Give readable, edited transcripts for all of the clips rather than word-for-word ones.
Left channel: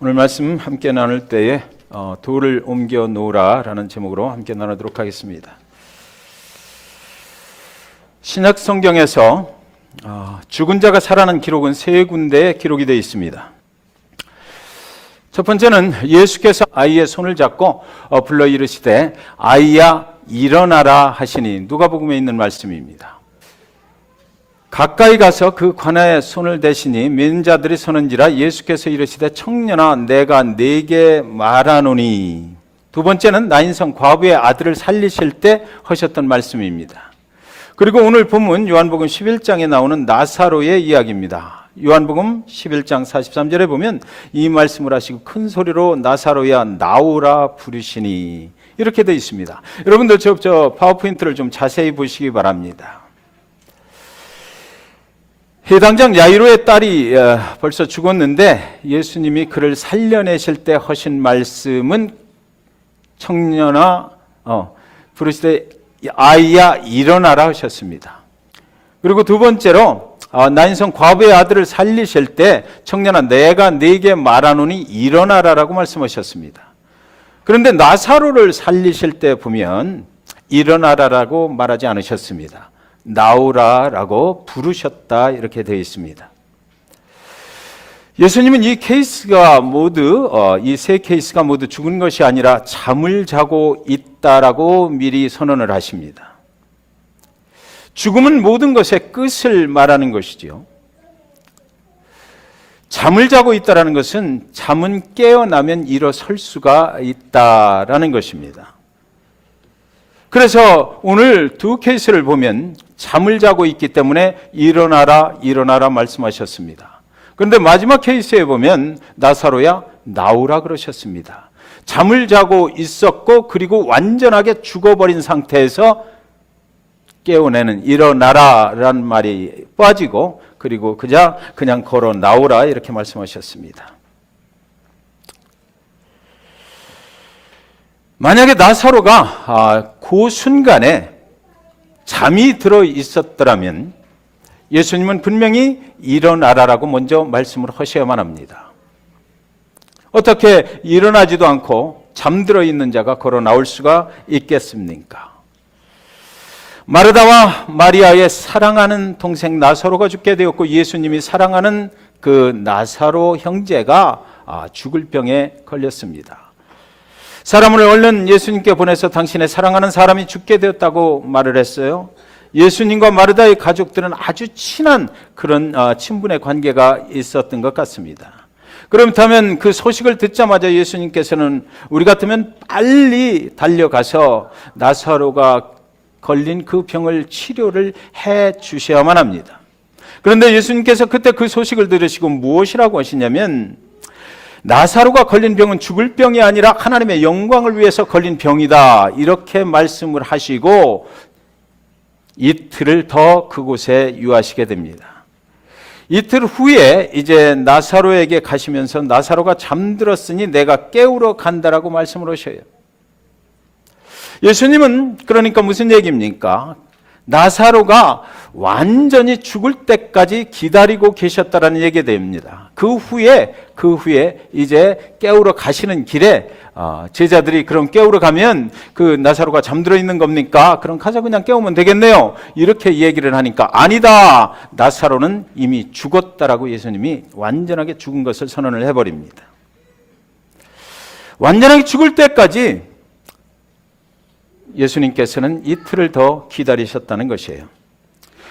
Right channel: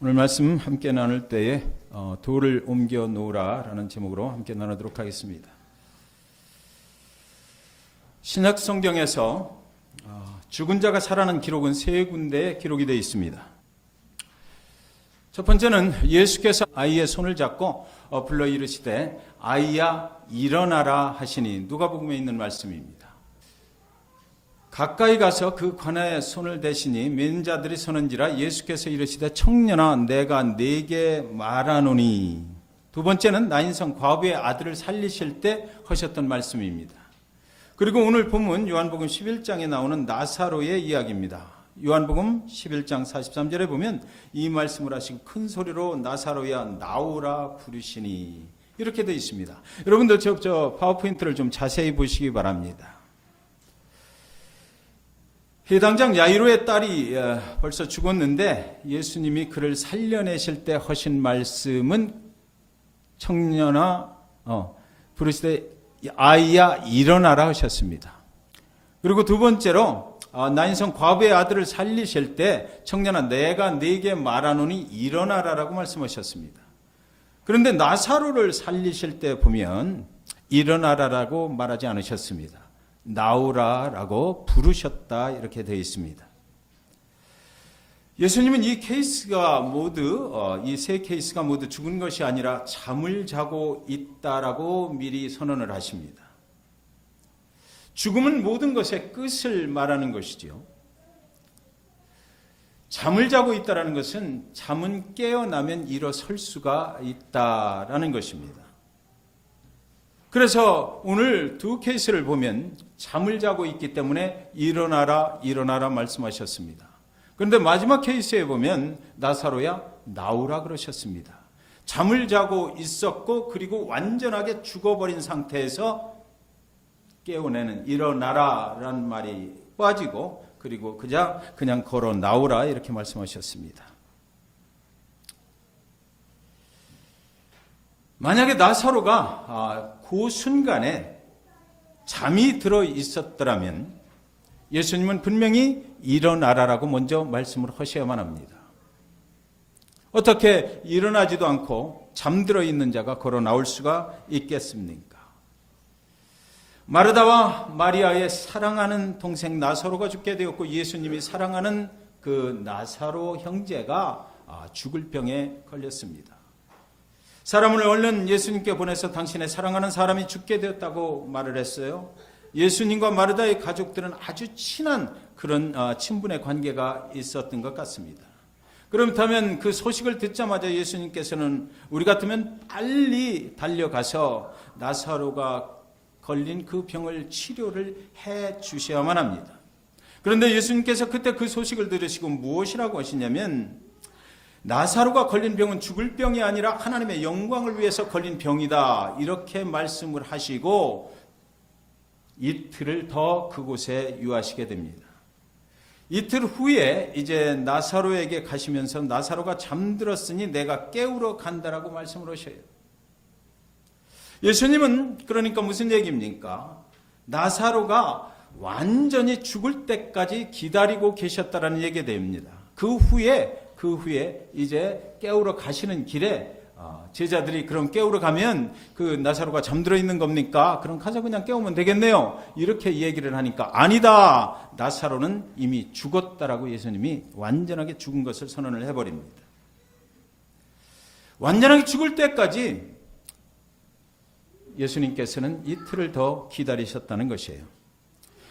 오늘 말씀 함께 나눌 때에 돌을 옮겨 놓으라 라는 제목으로 함께 나누도록 하겠습니다. 신약 성경에서 죽은 자가 살아난 기록은 세 군데에 기록이 되어 있습니다. 첫 번째는 예수께서 아이의 손을 잡고 불러 이르시되 아이야 일어나라 하시니 누가복음에 있는 말씀입니다. 가까이 가서 그 관아에 손을 대시니 맨 자들이 서는지라 예수께서 이르시되 청년아 내가 네게 말하노니. 두 번째는 나인성 과부의 아들을 살리실 때 하셨던 말씀입니다. 그리고 오늘 본문 요한복음 11장에 나오는 나사로의 이야기입니다. 요한복음 11장 43절에 보면 이 말씀을 하시고 큰 소리로 나사로야 나오라 부르시니 이렇게 되어 있습니다. 여러분들 저 파워포인트를 좀 자세히 보시기 바랍니다. 해당장 야이로의 딸이 벌써 죽었는데 예수님이 그를 살려내실 때 하신 말씀은 청년아 부르시되 아이야 일어나라 하셨습니다. 그리고 두 번째로 나인성 과부의 아들을 살리실 때 청년아 내가 네게 말하노니 일어나라라고 말씀하셨습니다. 그런데 나사로를 살리실 때 보면 일어나라라고 말하지 않으셨습니다. 나오라라고 부르셨다 이렇게 되어 있습니다. 예수님은 이 케이스가 모두 이 세 케이스가 모두 죽은 것이 아니라 잠을 자고 있다라고 미리 선언을 하십니다. 죽음은 모든 것의 끝을 말하는 것이죠. 잠을 자고 있다라는 것은 잠은 깨어나면 일어설 수가 있다라는 것입니다. 그래서 오늘 두 케이스를 보면 잠을 자고 있기 때문에 일어나라 일어나라 말씀하셨습니다. 그런데 마지막 케이스에 보면 나사로야 나오라 그러셨습니다. 잠을 자고 있었고 그리고 완전하게 죽어버린 상태에서 깨어내는 일어나라라는 말이 빠지고 그리고 그냥 걸어 나오라 이렇게 말씀하셨습니다. 만약에 나사로가 그 순간에 잠이 들어 있었더라면 예수님은 분명히 일어나라라고 먼저 말씀을 하셔야만 합니다. 어떻게 일어나지도 않고 잠들어 있는 자가 걸어 나올 수가 있겠습니까? 마르다와 마리아의 사랑하는 동생 나사로가 죽게 되었고 예수님이 사랑하는 그 나사로 형제가 죽을 병에 걸렸습니다. 사람을 얼른 예수님께 보내서 당신의 사랑하는 사람이 죽게 되었다고 말을 했어요. 예수님과 마르다의 가족들은 아주 친한 그런 친분의 관계가 있었던 것 같습니다. 그렇다면 그 소식을 듣자마자 예수님께서는 우리 같으면 빨리 달려가서 나사로가 걸린 그 병을 치료를 해 주셔야만 합니다. 그런데 예수님께서 그때 그 소식을 들으시고 무엇이라고 하시냐면 나사로가 걸린 병은 죽을 병이 아니라 하나님의 영광을 위해서 걸린 병이다 이렇게 말씀을 하시고 이틀을 더 그곳에 유하시게 됩니다. 이틀 후에 이제 나사로에게 가시면서 나사로가 잠들었으니 내가 깨우러 간다라고 말씀을 하셔요. 예수님은 그러니까 무슨 얘기입니까? 나사로가 완전히 죽을 때까지 기다리고 계셨다라는 얘기가 됩니다. 그 후에 이제 깨우러 가시는 길에 제자들이 그럼 깨우러 가면 그 나사로가 잠들어 있는 겁니까? 그럼 가서 그냥 깨우면 되겠네요. 이렇게 얘기를 하니까 아니다. 나사로는 이미 죽었다라고 예수님이 완전하게 죽은 것을 선언을 해버립니다. 완전하게 죽을 때까지 예수님께서는 이틀을 더 기다리셨다는 것이에요.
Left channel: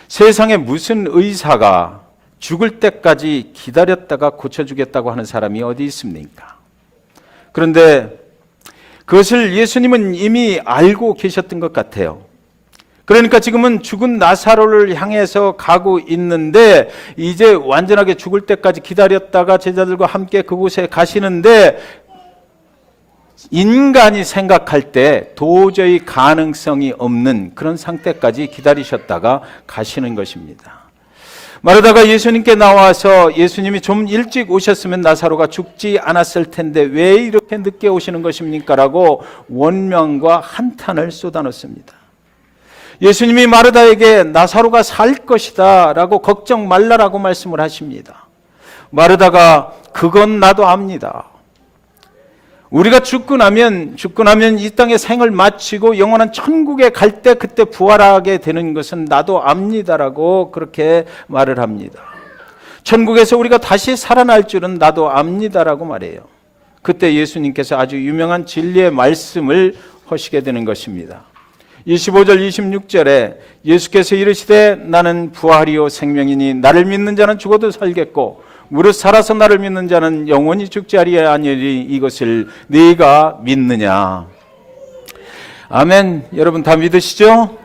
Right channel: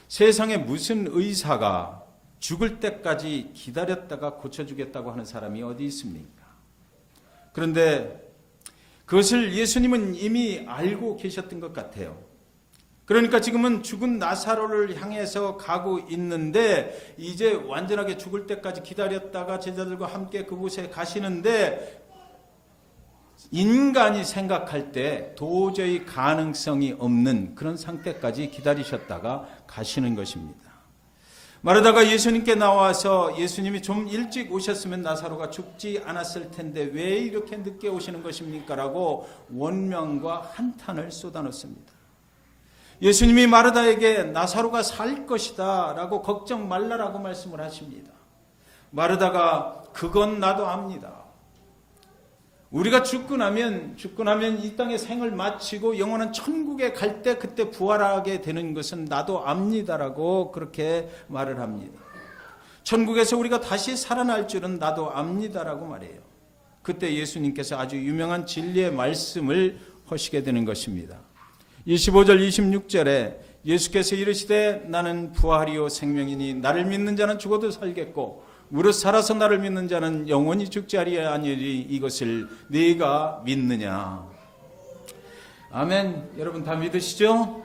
세상에 무슨 의사가 죽을 때까지 기다렸다가 고쳐주겠다고 하는 사람이 어디 있습니까? 그런데 그것을 예수님은 이미 알고 계셨던 것 같아요. 그러니까 지금은 죽은 나사로를 향해서 가고 있는데 이제 완전하게 죽을 때까지 기다렸다가 제자들과 함께 그곳에 가시는데 인간이 생각할 때 도저히 가능성이 없는 그런 상태까지 기다리셨다가 가시는 것입니다. 마르다가 예수님께 나와서 예수님이 좀 일찍 오셨으면 나사로가 죽지 않았을 텐데 왜 이렇게 늦게 오시는 것입니까? 라고 원망과 한탄을 쏟아놓습니다. 예수님이 마르다에게 나사로가 살 것이다 라고 걱정 말라라고 말씀을 하십니다. 마르다가 그건 나도 압니다. 우리가 죽고 나면 이 땅의 생을 마치고 영원한 천국에 갈 때 그때 부활하게 되는 것은 나도 압니다라고 그렇게 말을 합니다. 천국에서 우리가 다시 살아날 줄은 나도 압니다라고 말해요. 그때 예수님께서 아주 유명한 진리의 말씀을 하시게 되는 것입니다. 25절 26절에 예수께서 이르시되 나는 부활이요 생명이니 나를 믿는 자는 죽어도 살겠고 무릇 살아서 나를 믿는 자는 영원히 죽지 아니하리니 이것을 네가 믿느냐. 아멘. 여러분 다 믿으시죠?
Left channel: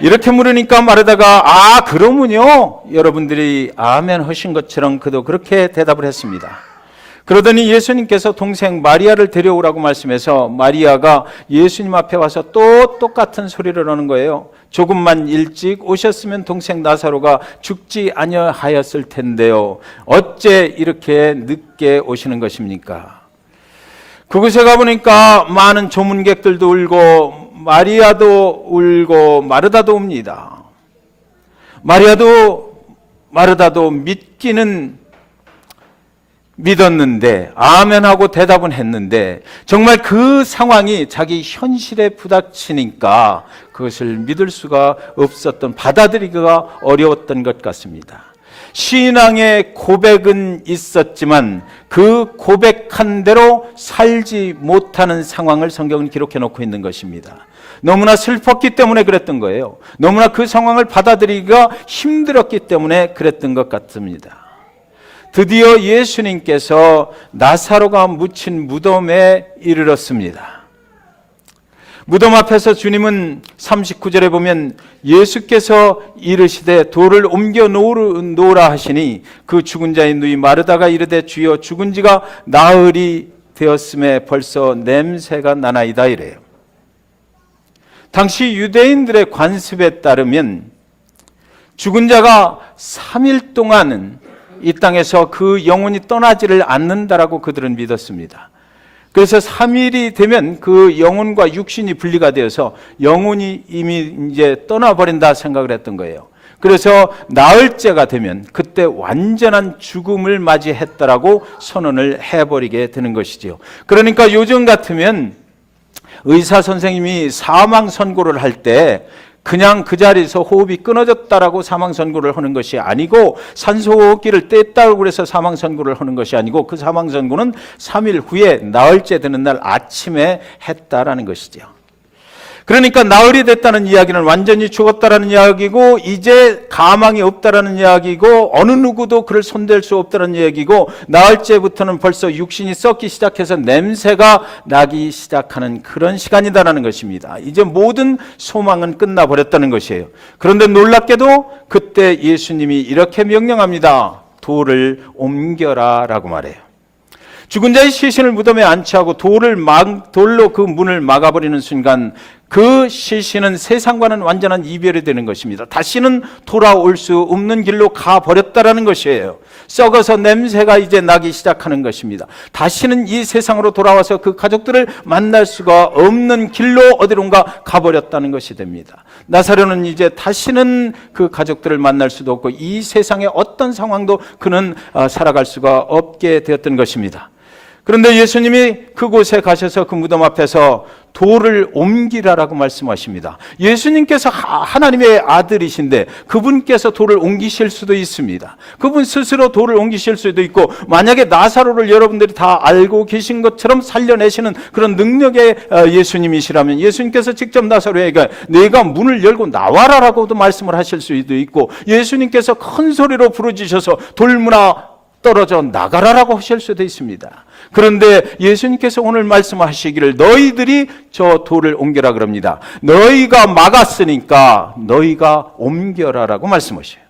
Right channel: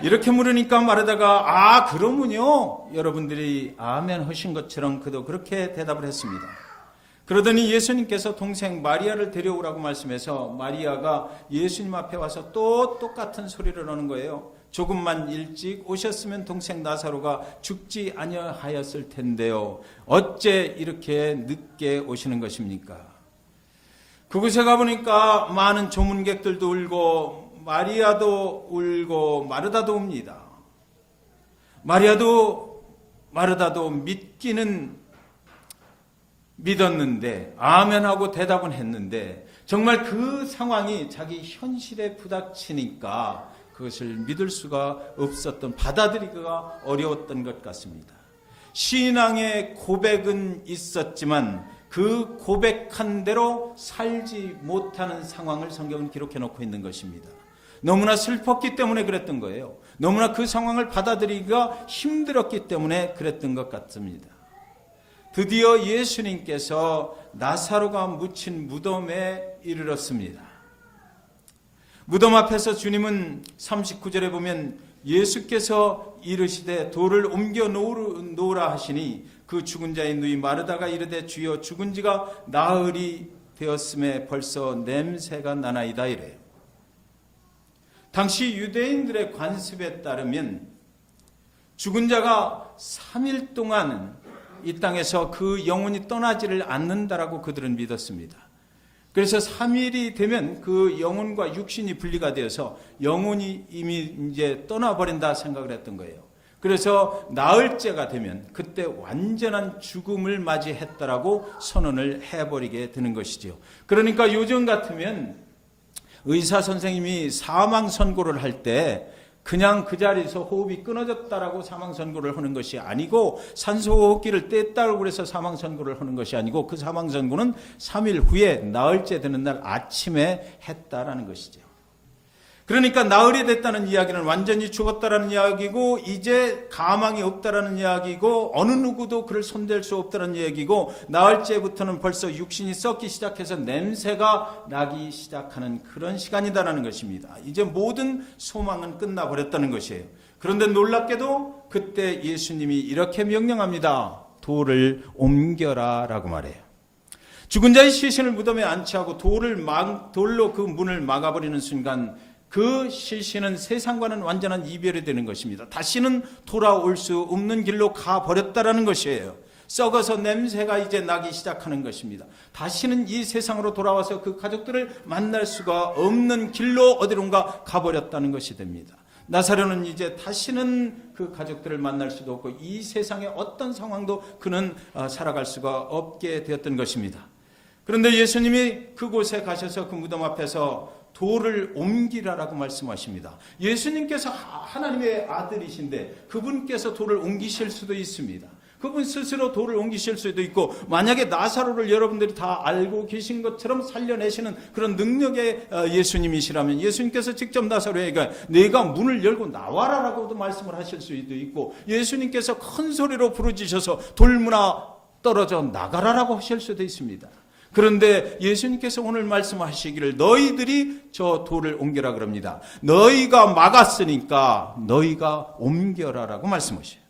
이렇게 물으니까 마르다가 그러면요, 여러분들이 아멘 하신 것처럼 그도 그렇게 대답을 했습니다. 그러더니 예수님께서 동생 마리아를 데려오라고 말씀해서 마리아가 예수님 앞에 와서 또 똑같은 소리를 하는 거예요. 조금만 일찍 오셨으면 동생 나사로가 죽지 아니하였을 텐데요. 어째 이렇게 늦게 오시는 것입니까? 그곳에 가보니까 많은 조문객들도 울고 마리아도 울고 마르다도 옵니다. 마르다도 믿기는 믿었는데 아멘하고 대답은 했는데 정말 그 상황이 자기 현실에 부닥치니까 그것을 믿을 수가 없었던, 받아들이기가 어려웠던 것 같습니다. 신앙의 고백은 있었지만 그 고백한 대로 살지 못하는 상황을 성경은 기록해 놓고 있는 것입니다. 너무나 슬펐기 때문에 그랬던 거예요. 너무나 그 상황을 받아들이기가 힘들었기 때문에 그랬던 것 같습니다. 드디어 예수님께서 나사로가 묻힌 무덤에 이르렀습니다. 무덤 앞에서 주님은 39절에 보면 예수께서 이르시되 돌을 옮겨 놓으라 하시니 그 죽은 자의 누이 마르다가 이르되 주여 죽은 지가 나흘이 되었음에 벌써 냄새가 나나이다 이래요. 당시 유대인들의 관습에 따르면 죽은 자가 3일 동안은 이 땅에서 그 영혼이 떠나지를 않는다라고 그들은 믿었습니다. 그래서 3일이 되면 그 영혼과 육신이 분리가 되어서 영혼이 이미 이제 떠나버린다 생각을 했던 거예요. 그래서 나흘째가 되면 그때 완전한 죽음을 맞이했다라고 선언을 해버리게 되는 것이죠. 그러니까 요즘 같으면 의사 선생님이 사망 선고를 할 때 그냥 그 자리에서 호흡이 끊어졌다라고 사망 선고를 하는 것이 아니고 산소호흡기를 뗐다고 그래서 사망 선고를 하는 것이 아니고 그 사망 선고는 3일 후에 나흘째 되는 날 아침에 했다라는 것이죠. 그러니까 나흘이 됐다는 이야기는 완전히 죽었다라는 이야기고 이제 가망이 없다라는 이야기고 어느 누구도 그를 손댈 수 없다는 이야기고 나흘째부터는 벌써 육신이 썩기 시작해서 냄새가 나기 시작하는 그런 시간이다라는 것입니다. 이제 모든 소망은 끝나버렸다는 것이에요. 그런데 놀랍게도 그때 예수님이 이렇게 명령합니다. 돌을 옮겨라 라고 말해요. 죽은 자의 시신을 무덤에 안치하고 돌로 그 문을 막아버리는 순간 그 시신은 세상과는 완전한 이별이 되는 것입니다. 다시는 돌아올 수 없는 길로 가버렸다라는 것이에요. 썩어서 냄새가 이제 나기 시작하는 것입니다. 다시는 이 세상으로 돌아와서 그 가족들을 만날 수가 없는 길로 어디론가 가버렸다는 것이 됩니다. 나사로는 이제 다시는 그 가족들을 만날 수도 없고 이 세상의 어떤 상황도 그는 살아갈 수가 없게 되었던 것입니다. 그런데 예수님이 그곳에 가셔서 그 무덤 앞에서 돌을 옮기라라고 말씀하십니다. 예수님께서 하나님의 아들이신데 그분께서 돌을 옮기실 수도 있습니다. 그분 스스로 돌을 옮기실 수도 있고 만약에 나사로를 여러분들이 다 알고 계신 것처럼 살려내시는 그런 능력의 예수님이시라면 예수님께서 직접 나사로에게 내가 문을 열고 나와라라고도 말씀을 하실 수도 있고 예수님께서 큰 소리로 부르짖으셔서 돌문아 떨어져 나가라라고 하실 수도 있습니다. 그런데 예수님께서 오늘 말씀하시기를 너희들이 저 돌을 옮겨라 그럽니다. 너희가 막았으니까 너희가 옮겨라라고 말씀하셔요.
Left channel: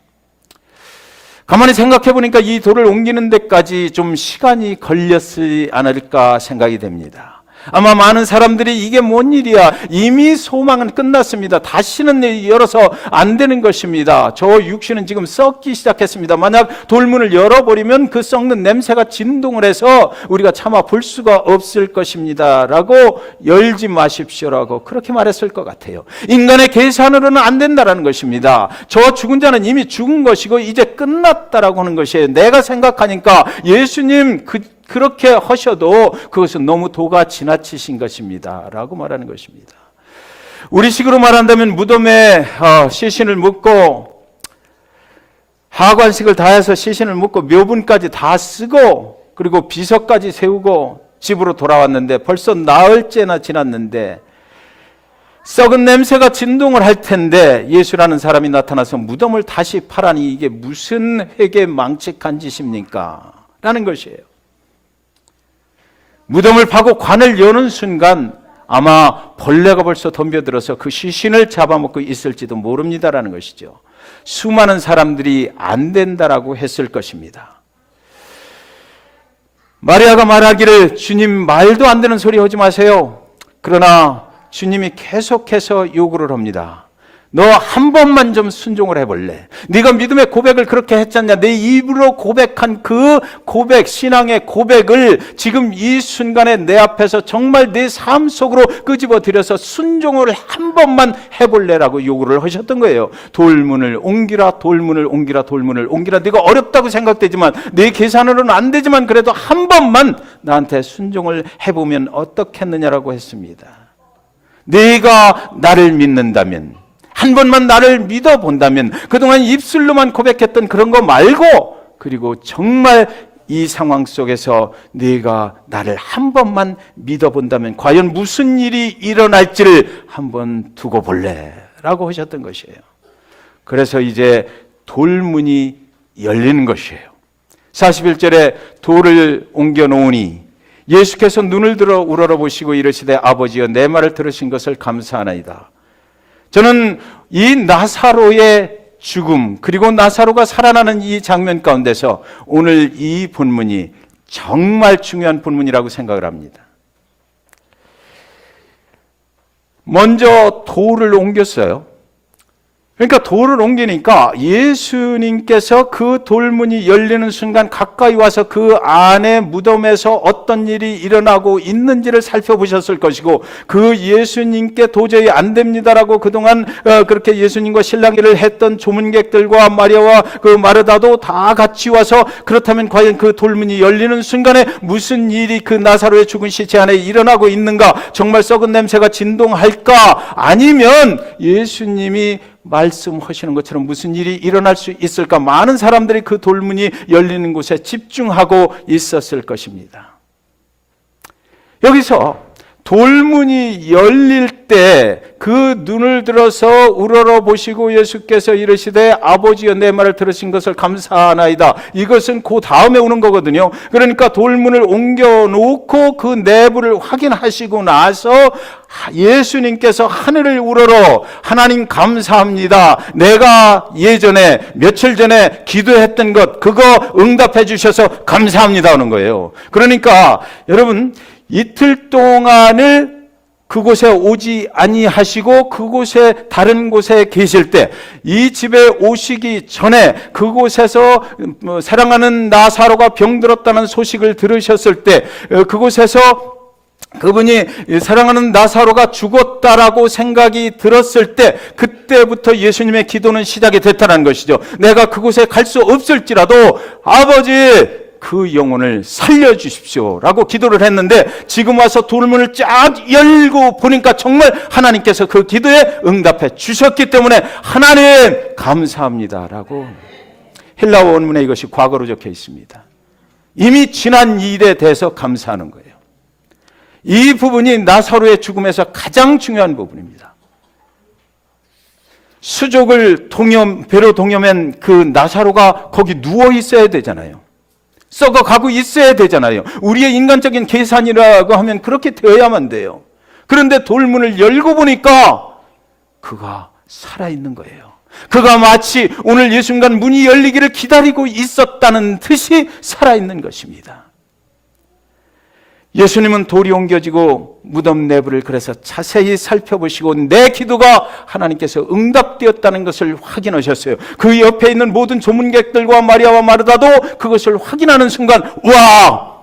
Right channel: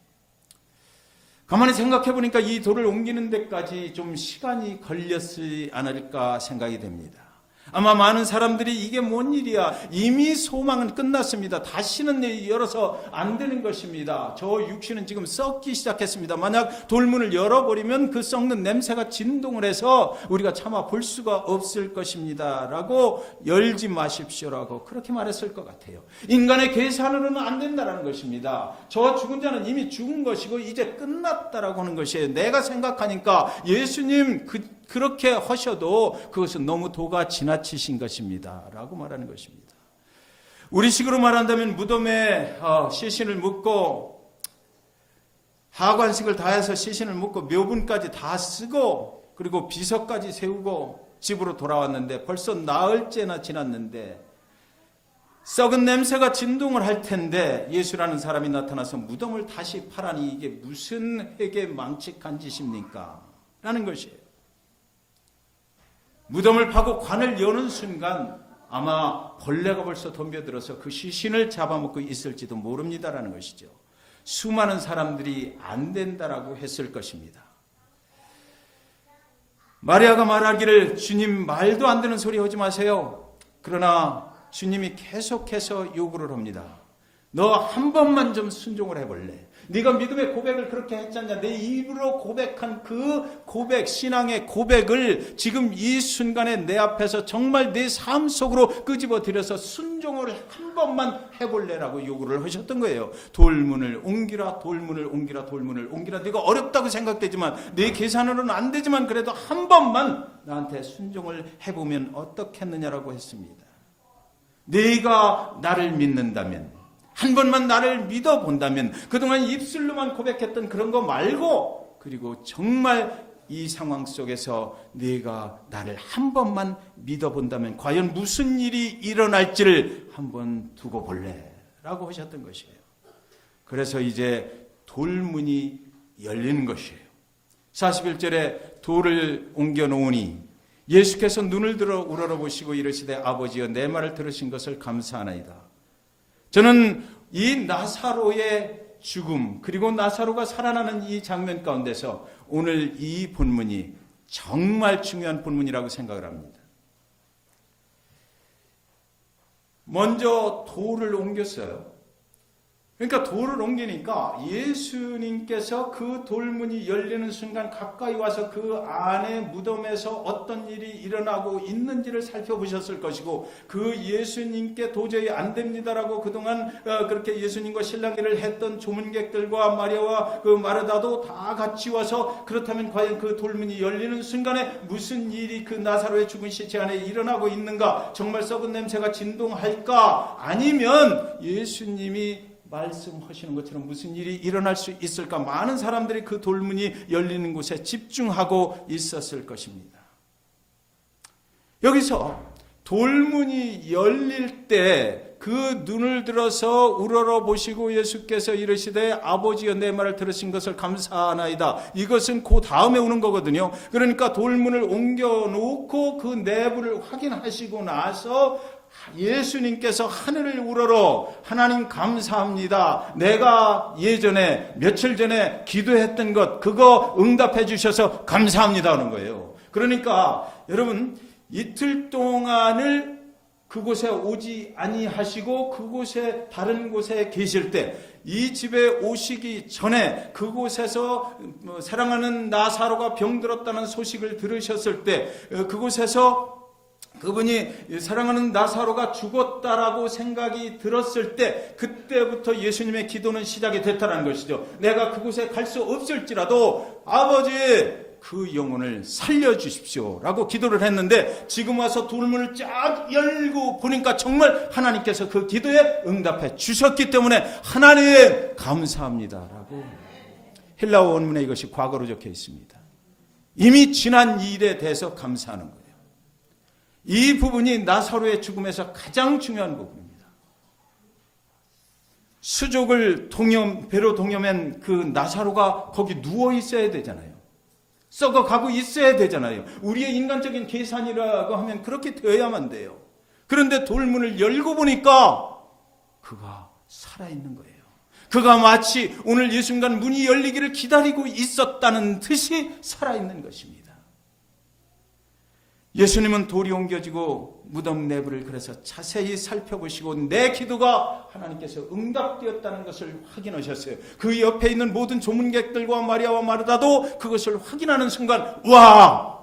가만히 생각해 보니까 이 돌을 옮기는 데까지 좀 시간이 걸렸지 않을까 생각이 됩니다. 아마 많은 사람들이 이게 뭔 일이야. 이미 소망은 끝났습니다. 다시는 열어서 안 되는 것입니다. 저 육신은 지금 썩기 시작했습니다. 만약 돌문을 열어버리면 그 썩는 냄새가 진동을 해서 우리가 차마 볼 수가 없을 것입니다. 라고 열지 마십시오라고 그렇게 말했을 것 같아요. 인간의 계산으로는 안 된다라는 것입니다. 저 죽은 자는 이미 죽은 것이고 이제 끝났다라고 하는 것이에요. 내가 생각하니까 예수님 그렇게 하셔도 그것은 너무 도가 지나치신 것입니다 라고 말하는 것입니다. 우리식으로 말한다면 무덤에 시신을 묻고 하관식을 다 해서 시신을 묻고 묘분까지 다 쓰고 그리고 비석까지 세우고 집으로 돌아왔는데 벌써 나흘째나 지났는데 썩은 냄새가 진동을 할 텐데 예수라는 사람이 나타나서 무덤을 다시 파라니 이게 무슨 회개망측한 짓입니까? 라는 것이에요. 무덤을 파고 관을 여는 순간 아마 벌레가 벌써 덤벼들어서 그 시신을 잡아먹고 있을지도 모릅니다라는 것이죠. 수많은 사람들이 안 된다라고 했을 것입니다. 마리아가 말하기를 주님 말도 안 되는 소리 하지 마세요. 그러나 주님이 계속해서 요구를 합니다. 너 한 번만 좀 순종을 해볼래? 네가 믿음의 고백을 그렇게 했잖냐. 내 입으로 고백한 그 고백, 신앙의 고백을 지금 이 순간에 내 앞에서 정말 내 삶 속으로 끄집어 들여서 순종을 한 번만 해볼래라고 요구를 하셨던 거예요. 돌문을 옮기라, 돌문을 옮기라, 돌문을 옮기라. 네가 어렵다고 생각되지만 내 계산으로는 안 되지만 그래도 한 번만 나한테 순종을 해보면 어떻겠느냐라고 했습니다. 네가 나를 믿는다면, 한 번만 나를 믿어본다면, 그동안 입술로만 고백했던 그런 거 말고, 그리고 정말 이 상황 속에서 네가 나를 한 번만 믿어본다면 과연 무슨 일이 일어날지를 한번 두고 볼래? 라고 하셨던 것이에요. 그래서 이제 돌문이 열리는 것이에요. 41절에 돌을 옮겨 놓으니 예수께서 눈을 들어 우러러보시고 이르시되 아버지여 내 말을 들으신 것을 감사하나이다. 저는 이 나사로의 죽음 그리고 나사로가 살아나는 이 장면 가운데서 오늘 이 본문이 정말 중요한 본문이라고 생각을 합니다. 먼저 돌을 옮겼어요. 그러니까 돌을 옮기니까 예수님께서 그 돌문이 열리는 순간 가까이 와서 그 안에 무덤에서 어떤 일이 일어나고 있는지를 살펴보셨을 것이고 그 예수님께 도저히 안 됩니다라고 그동안 그렇게 예수님과 실랑이를 했던 조문객들과 마리아와 그 마르다도 다 같이 와서 그렇다면 과연 그 돌문이 열리는 순간에 무슨 일이 그 나사로의 죽은 시체 안에 일어나고 있는가? 정말 썩은 냄새가 진동할까? 아니면 예수님이 말씀하시는 것처럼 무슨 일이 일어날 수 있을까? 많은 사람들이 그 돌문이 열리는 곳에 집중하고 있었을 것입니다. 여기서 돌문이 열릴 때 그 눈을 들어서 우러러보시고 예수께서 이르시되 아버지여 내 말을 들으신 것을 감사하나이다. 이것은 그 다음에 오는 거거든요. 그러니까 돌문을 옮겨놓고 그 내부를 확인하시고 나서 예수님께서 하늘을 우러러 하나님 감사합니다. 내가 예전에 며칠 전에 기도했던 것 그거 응답해 주셔서 감사합니다 하는 거예요. 그러니까 여러분 이틀 동안을 그곳에 오지 아니하시고 그곳에 다른 곳에 계실 때 이 집에 오시기 전에 그곳에서 사랑하는 나사로가 병들었다는 소식을 들으셨을 때 그곳에서 그분이 사랑하는 나사로가 죽었다라고 생각이 들었을 때 그때부터 예수님의 기도는 시작이 됐다는 것이죠. 내가 그곳에 갈 수 없을지라도 아버지 그 영혼을 살려주십시오 라고 기도를 했는데 지금 와서 돌문을 쫙 열고 보니까 정말 하나님께서 그 기도에 응답해 주셨기 때문에 하나님 감사합니다 라고 헬라어 원문에 이것이 과거로 적혀 있습니다. 이미 지난 일에 대해서 감사하는 거예요. 이 부분이 나사로의 죽음에서 가장 중요한 부분입니다. 수족을 배로 동여맨 그 나사로가 거기 누워 있어야 되잖아요. 썩어가고 있어야 되잖아요. 우리의 인간적인 계산이라고 하면 그렇게 되어야만 돼요. 그런데 돌문을 열고 보니까 그가 살아있는 거예요. 그가 마치 오늘 이 순간 문이 열리기를 기다리고 있었다는 듯이 살아있는 것입니다. 예수님은 돌이 옮겨지고 무덤 내부를 그래서 자세히 살펴보시고 내 기도가 하나님께서 응답되었다는 것을 확인하셨어요. 그 옆에 있는 모든 조문객들과 마리아와 마르다도 그것을 확인하는 순간 와!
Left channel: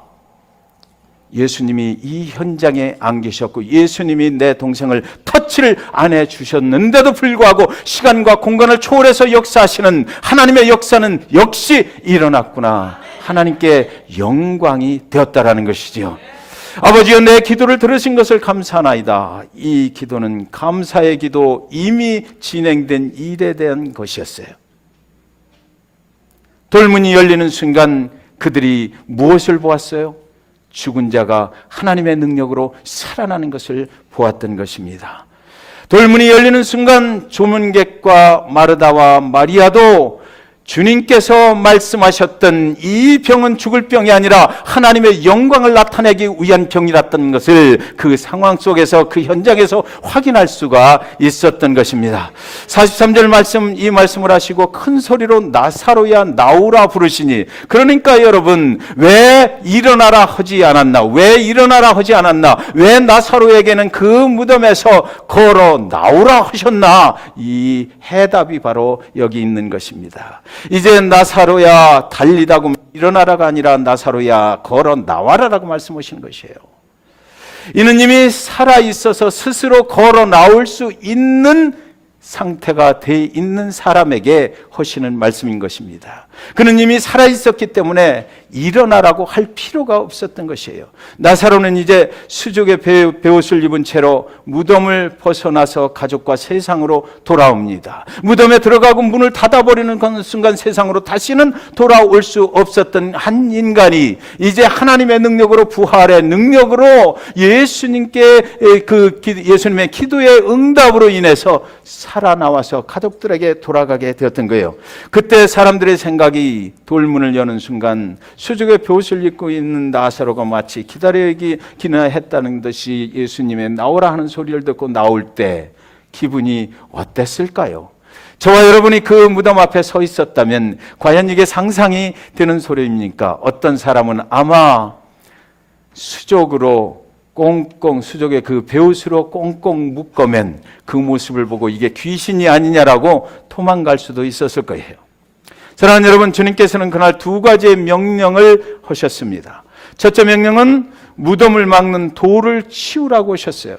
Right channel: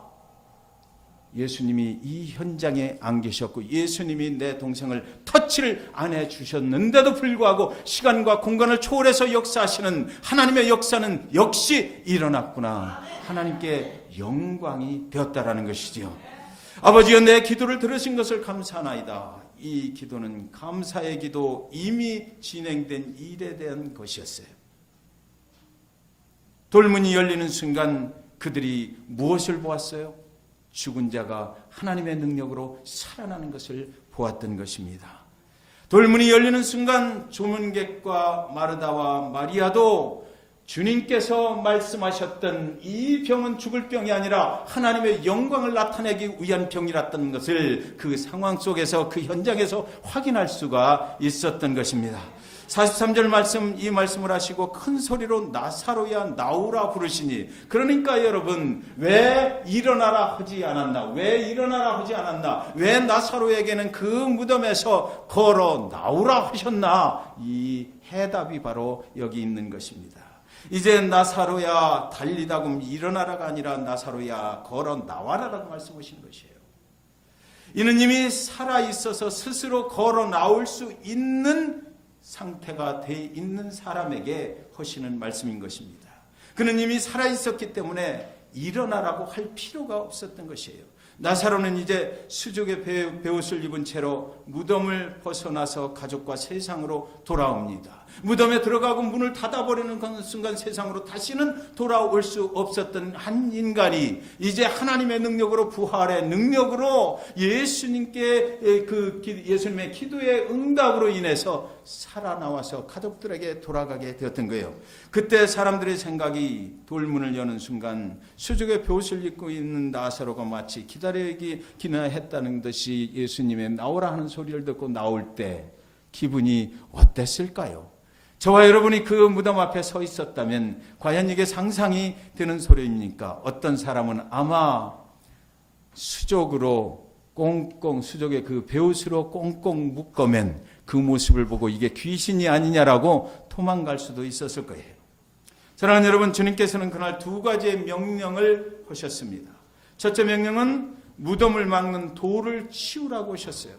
예수님이 이 현장에 안 계셨고 예수님이 내 동생을 터치를 안 해주셨는데도 불구하고 시간과 공간을 초월해서 역사하시는 하나님의 역사는 역시 일어났구나 하나님께 영광이 되었다라는 것이지요. 아버지여, 내 기도를 들으신 것을 감사하나이다. 이 기도는 감사의 기도, 이미 진행된 일에 대한 것이었어요. 돌문이 열리는 순간 그들이 무엇을 보았어요? 죽은 자가 하나님의 능력으로 살아나는 것을 보았던 것입니다. 돌문이 열리는 순간 조문객과 마르다와 마리아도 주님께서 말씀하셨던 이 병은 죽을 병이 아니라 하나님의 영광을 나타내기 위한 병이랐던 것을 그 상황 속에서, 그 현장에서 확인할 수가 있었던 것입니다. 43절 말씀, 이 말씀을 하시고 큰 소리로 나사로야 나오라 부르시니, 그러니까 여러분, 왜 일어나라 하지 않았나? 왜 일어나라 하지 않았나? 왜 나사로에게는 그 무덤에서 걸어 나오라 하셨나? 이 해답이 바로 여기 있는 것입니다. 이제 나사로야 달리다고 일어나라가 아니라 나사로야 걸어 나와라라고 말씀하시는 것이에요. 이는 이미 살아있어서 스스로 걸어 나올 수 있는 상태가 돼 있는 사람에게 하시는 말씀인 것입니다. 그는 이미 살아있었기 때문에 일어나라고 할 필요가 없었던 것이에요. 나사로는 이제 수족의 베옷을 입은 채로 무덤을 벗어나서 가족과 세상으로 돌아옵니다. 무덤에 들어가고 문을 닫아버리는 순간 세상으로 다시는 돌아올 수 없었던 한 인간이 이제 하나님의 능력으로, 부활의 능력으로 예수님께 예수님의 기도의 응답으로 인해서 살아나와서 가족들에게 돌아가게 되었던 거예요. 그때 사람들의 생각이 돌문을 여는 순간 수족의 베옷을 입고 있는 나사로가 마치 기다리기나 했다는 듯이 예수님의 나오라 하는 소리를 듣고 나올 때 기분이 어땠을까요? 저와 여러분이 그 무덤 앞에 서 있었다면 과연 이게 상상이 되는 소리입니까? 어떤 사람은 아마 수족으로 꽁꽁, 수족의 그 베옷으로 꽁꽁 묶어맨 그 모습을 보고 이게 귀신이 아니냐라고 도망갈 수도 있었을 거예요. 사랑하는 여러분, 주님께서는 그날 두 가지의 명령을 하셨습니다. 첫째 명령은 무덤을 막는 돌을 치우라고 하셨어요.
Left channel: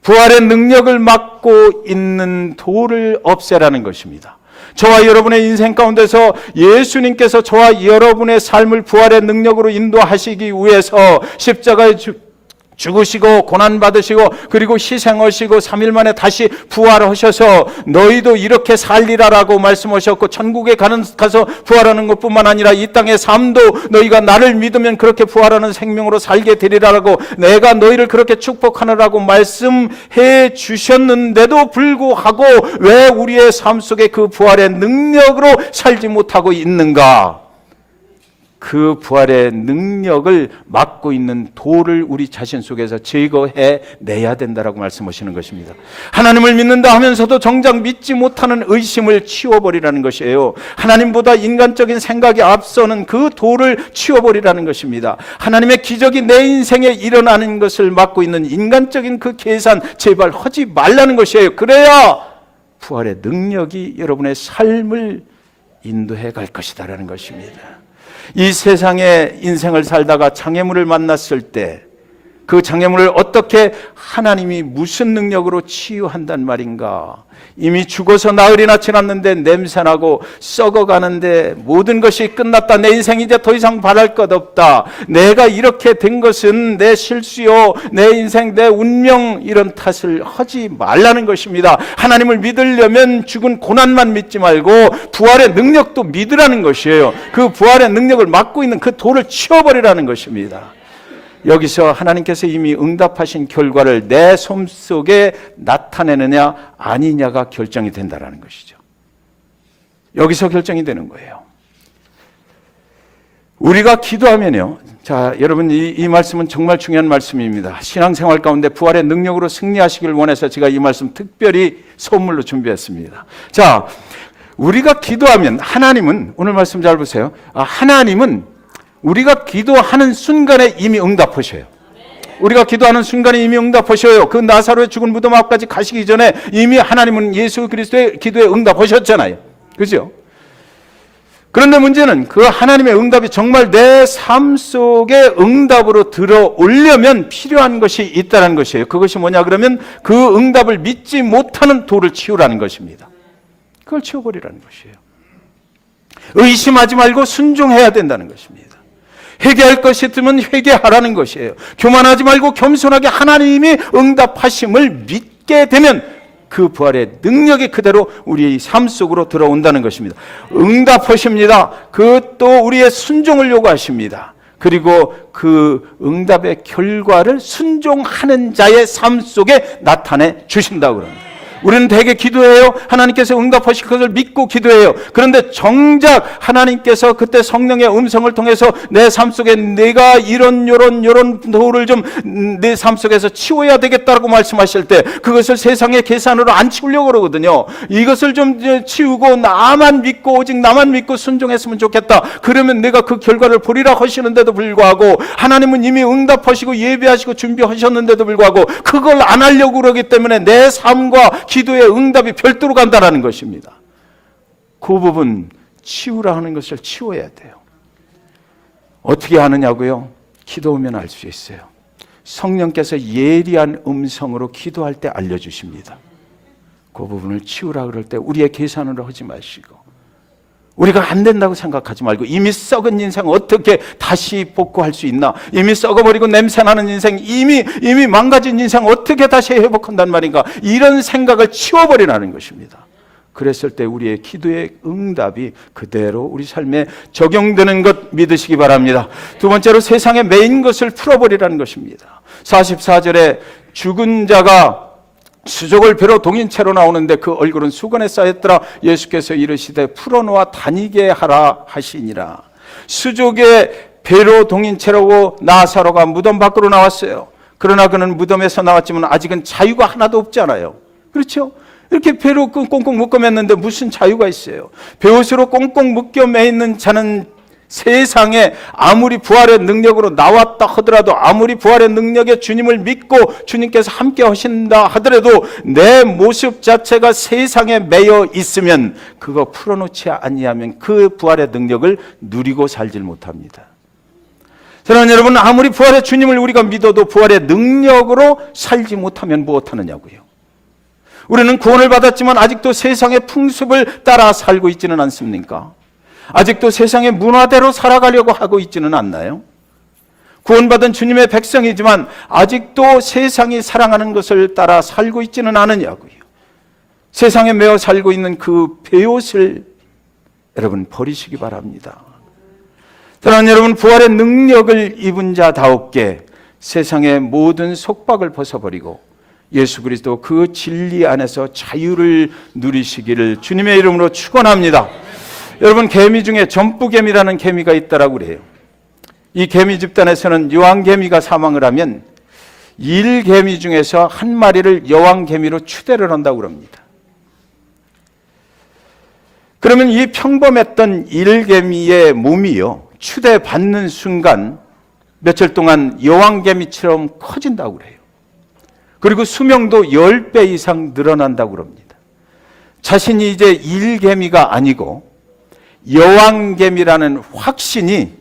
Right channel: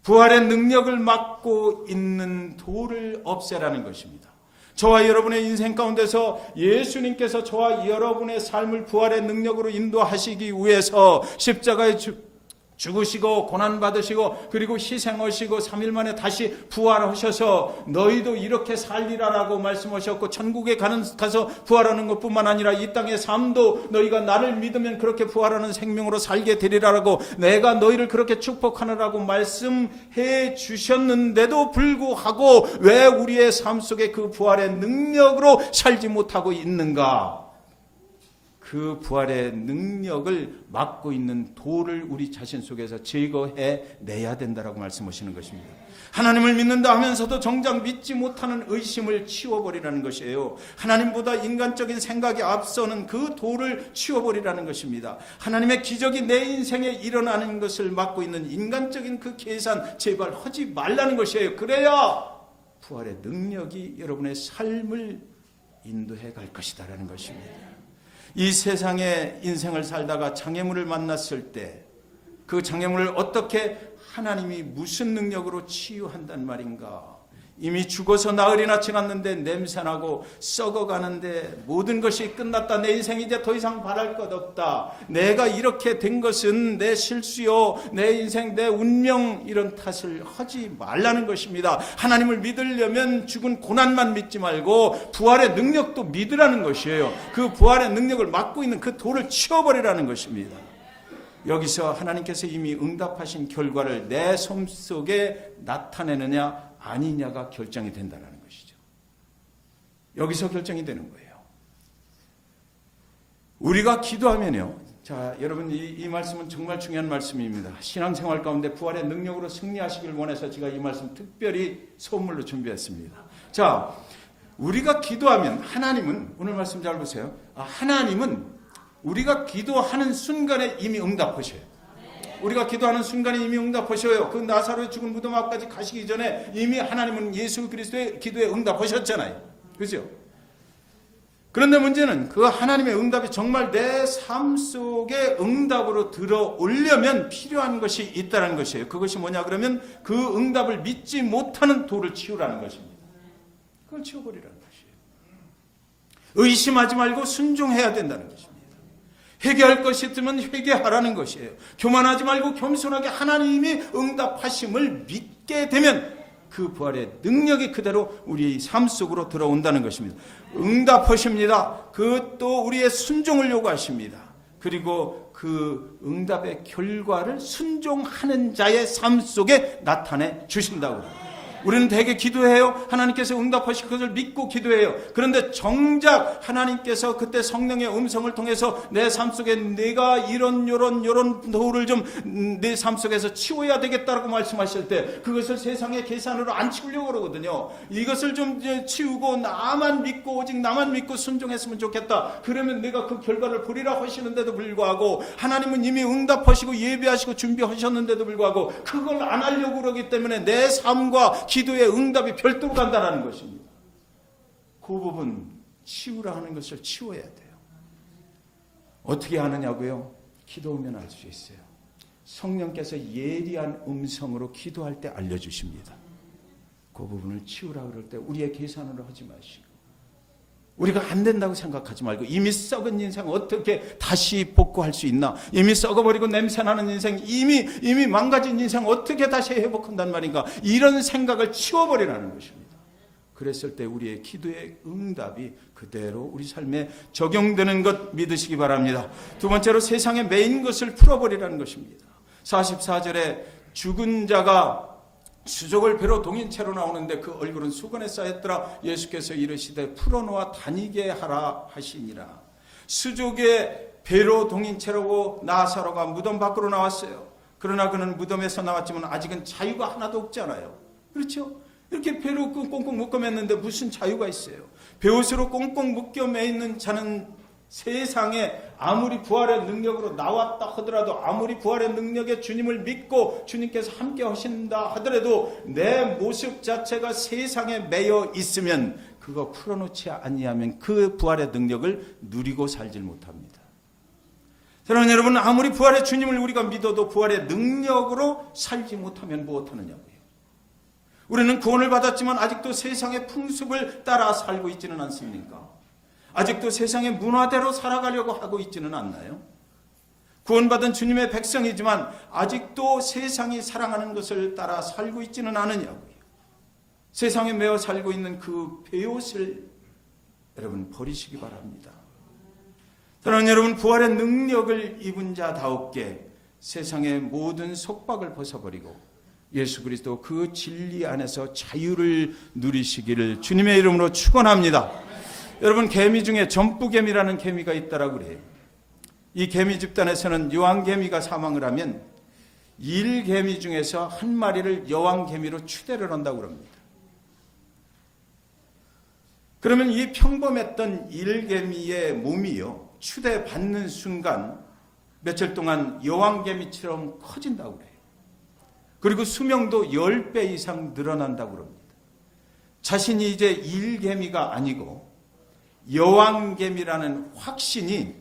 부활의 능력을 막고 있는 돌을 없애라는 것입니다. 저와 여러분의 인생 가운데서 예수님께서 저와 여러분의 삶을 부활의 능력으로 인도하시기 위해서 십자가에 죽으시고 고난받으시고 그리고 희생하시고 3일 만에 다시 부활하셔서 너희도 이렇게 살리라라고 말씀하셨고, 천국에 가서 부활하는 것뿐만 아니라 이 땅의 삶도 너희가 나를 믿으면 그렇게 부활하는 생명으로 살게 되리라라고 내가 너희를 그렇게 축복하느라고 말씀해 주셨는데도 불구하고 왜 우리의 삶 속에 그 부활의 능력으로 살지 못하고 있는가? 그 부활의 능력을 막고 있는 돌을 우리 자신 속에서 제거해 내야 된다라고 말씀하시는 것입니다. 하나님을 믿는다 하면서도 정작 믿지 못하는 의심을 치워버리라는 것이에요. 하나님보다 인간적인 생각이 앞서는 그 돌을 치워버리라는 것입니다. 하나님의 기적이 내 인생에 일어나는 것을 막고 있는 인간적인 그 계산 제발 하지 말라는 것이에요. 그래야 부활의 능력이 여러분의 삶을 인도해 갈 것이다라는 것입니다. 이 세상에 인생을 살다가 장애물을 만났을 때 그 장애물을 어떻게 하나님이 무슨 능력으로 치유한단 말인가? 이미 죽어서 나흘이나 지났는데 냄새나고 썩어가는데 모든 것이 끝났다. 내 인생 이제 더 이상 바랄 것 없다. 내가 이렇게 된 것은 내 실수요, 내 인생, 내 운명, 이런 탓을 하지 말라는 것입니다. 하나님을 믿으려면 죽은 고난만 믿지 말고 부활의 능력도 믿으라는 것이에요. 그 부활의 능력을 막고 있는 그 돌을 치워버리라는 것입니다. 여기서 하나님께서 이미 응답하신 결과를 내 삶 속에 나타내느냐 아니냐가 결정이 된다는 것이죠. 여기서 결정이 되는 거예요. 우리가 기도하면요, 자, 여러분 이 말씀은 정말 중요한 말씀입니다. 신앙생활 가운데 부활의 능력으로 승리하시길 원해서 제가 이 말씀 특별히 선물로 준비했습니다. 자, 우리가 기도하면 하나님은, 오늘 말씀 잘 보세요. 하나님은 우리가 기도하는 순간에 이미 응답하셔요. 우리가 기도하는 순간에 이미 응답하셔요. 그 나사로의 죽은 무덤 앞까지 가시기 전에 이미 하나님은 예수 그리스도의 기도에 응답하셨잖아요. 그죠? 그런데 문제는 그 하나님의 응답이 정말 내 삶 속에 응답으로 들어오려면 필요한 것이 있다는 것이에요. 그것이 뭐냐 그러면 그 응답을 믿지 못하는 돌을 치우라는 것입니다. 그걸 치워버리라는 것이에요. 의심하지 말고 순종해야 된다는 것입니다. 회개할 것이 있으면 회개하라는 것이에요. 교만하지 말고 겸손하게 하나님이 응답하심을 믿게 되면 그 부활의 능력이 그대로 우리의 삶 속으로 들어온다는 것입니다. 응답하십니다. 그것도 우리의 순종을 요구하십니다. 그리고 그 응답의 결과를 순종하는 자의 삶 속에 나타내 주신다고 합니다. 우리는 대개 기도해요. 하나님께서 응답하실 것을 믿고 기도해요. 그런데 정작 하나님께서 그때 성령의 음성을 통해서 내 삶 속에 내가 이런 도를 좀 내 삶 속에서 치워야 되겠다라고 말씀하실 때 그것을 세상의 계산으로 안 치우려고 그러거든요. 이것을 좀 치우고 나만 믿고 오직 나만 믿고 순종했으면 좋겠다. 그러면 내가 그 결과를 보리라 하시는데도 불구하고 하나님은 이미 응답하시고 예배하시고 준비하셨는데도 불구하고 그걸 안 하려고 그러기 때문에 내 삶과 기도의 응답이 별도로 간다는 것입니다. 그 부분 치우라 하는 것을 치워야 돼요. 어떻게 하느냐고요? 기도하면 알 수 있어요. 성령께서 예리한 음성으로 기도할 때 알려주십니다. 그 부분을 치우라 그럴 때 우리의 계산으로 하지 마시고 우리가 안 된다고 생각하지 말고 이미 썩은 인생 어떻게 다시 복구할 수 있나? 이미 썩어버리고 냄새나는 인생, 이미 망가진 인생 어떻게 다시 회복한단 말인가? 이런 생각을 치워버리라는 것입니다. 그랬을 때 우리의 기도의 응답이 그대로 우리 삶에 적용되는 것 믿으시기 바랍니다. 두 번째로 세상에 매인 것을 풀어버리라는 것입니다. 44절에 죽은 자가 수족을 배로 동인 채로 나오는데 그 얼굴은 수건에 쌓였더라. 예수께서 이르시되 풀어놓아 다니게 하라 하시니라. 수족의 배로 동인 채로 나사로가 무덤 밖으로 나왔어요. 그러나 그는 무덤에서 나왔지만 아직은 자유가 하나도 없잖아요. 그렇죠? 이렇게 배로 꽁꽁 묶어 맸는데 무슨 자유가 있어요? 배옷으로 꽁꽁 묶여 매 있는 자는 세상에 아무리 부활의 능력으로 나왔다 하더라도 아무리 부활의 능력에 주님을 믿고 주님께서 함께 하신다 하더라도 내 모습 자체가 세상에 매여 있으면 그거 풀어놓지 아니하면 그 부활의 능력을 누리고 살질 못합니다. 사랑하는 여러분, 아무리 부활의 주님을 우리가 믿어도 부활의 능력으로 살지 못하면 무엇하느냐고요. 우리는 구원을 받았지만 아직도 세상의 풍습을 따라 살고 있지는 않습니까? 아직도 세상의 문화대로 살아가려고 하고 있지는 않나요? 구원받은 주님의 백성이지만 아직도 세상이 사랑하는 것을 따라 살고 있지는 않으냐고요. 세상에 매어 살고 있는 그 배옷을 여러분 버리시기 바랍니다. 사랑하는 여러분, 부활의 능력을 입은 자다웠게 세상의 모든 속박을 벗어버리고 예수 그리스도 그 진리 안에서 자유를 누리시기를 주님의 이름으로 축원합니다. 여러분, 개미 중에 전부개미라는 개미가 있다라고 그래요. 이 개미 집단에서는 여왕개미가 사망을 하면 일개미 중에서 한 마리를 여왕개미로 추대를 한다고 그럽니다. 그러면 이 평범했던 일개미의 몸이요, 추대받는 순간 며칠 동안 여왕개미처럼 커진다고 그래요. 그리고 수명도 10배 이상 늘어난다고 그럽니다. 자신이 이제 일개미가 아니고 여왕개미라는 확신이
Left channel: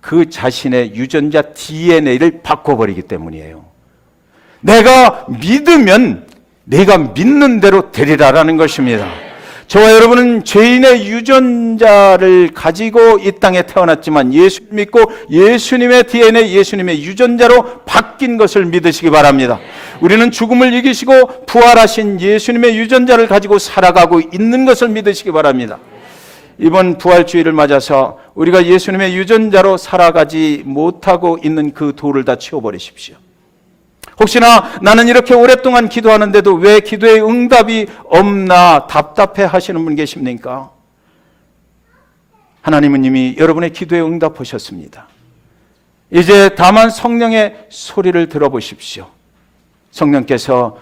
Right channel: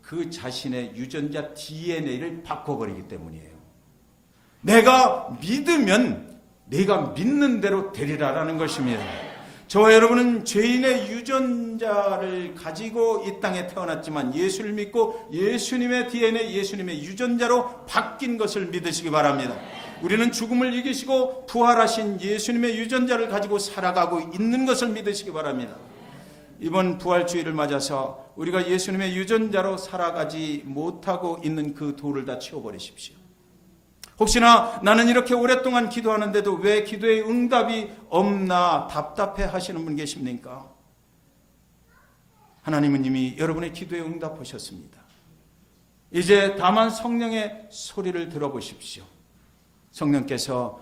그 자신의 유전자 DNA를 바꿔버리기 때문이에요. 내가 믿으면 내가 믿는 대로 되리라라는 것입니다. 저와 여러분은 죄인의 유전자를 가지고 이 땅에 태어났지만 예수를 믿고 예수님의 DNA, 예수님의 유전자로 바뀐 것을 믿으시기 바랍니다. 우리는 죽음을 이기시고 부활하신 예수님의 유전자를 가지고 살아가고 있는 것을 믿으시기 바랍니다. 이번 부활주의를 맞아서 우리가 예수님의 유전자로 살아가지 못하고 있는 그 돌을 다 치워버리십시오. 혹시나 나는 이렇게 오랫동안 기도하는데도 왜 기도의 응답이 없나 답답해 하시는 분 계십니까? 하나님은 이미 여러분의 기도에 응답하셨습니다. 이제 다만 성령의 소리를 들어보십시오. 성령께서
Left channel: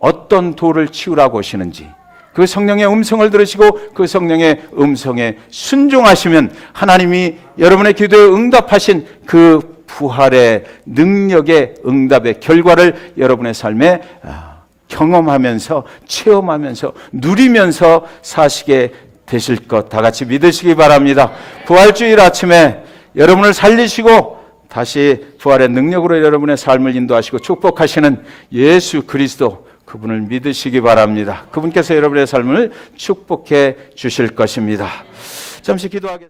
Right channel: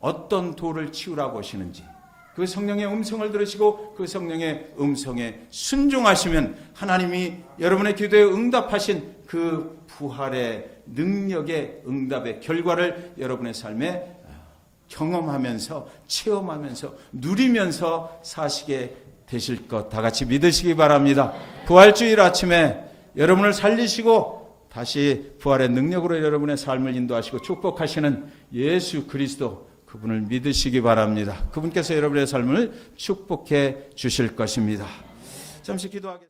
어떤 돌을 치우라고 하시는지 그 성령의 음성을 들으시고 그 성령의 음성에 순종하시면 하나님이 여러분의 기도에 응답하신 그 부활의 능력의 응답의 결과를 여러분의 삶에 경험하면서 체험하면서 누리면서 사시게 되실 것 다 같이 믿으시기 바랍니다. 부활주일 아침에 여러분을 살리시고 다시 부활의 능력으로 여러분의 삶을 인도하시고 축복하시는 예수 그리스도, 그분을 믿으시기 바랍니다. 그분께서 여러분의 삶을 축복해 주실 것입니다. 잠시 기도하겠습니다.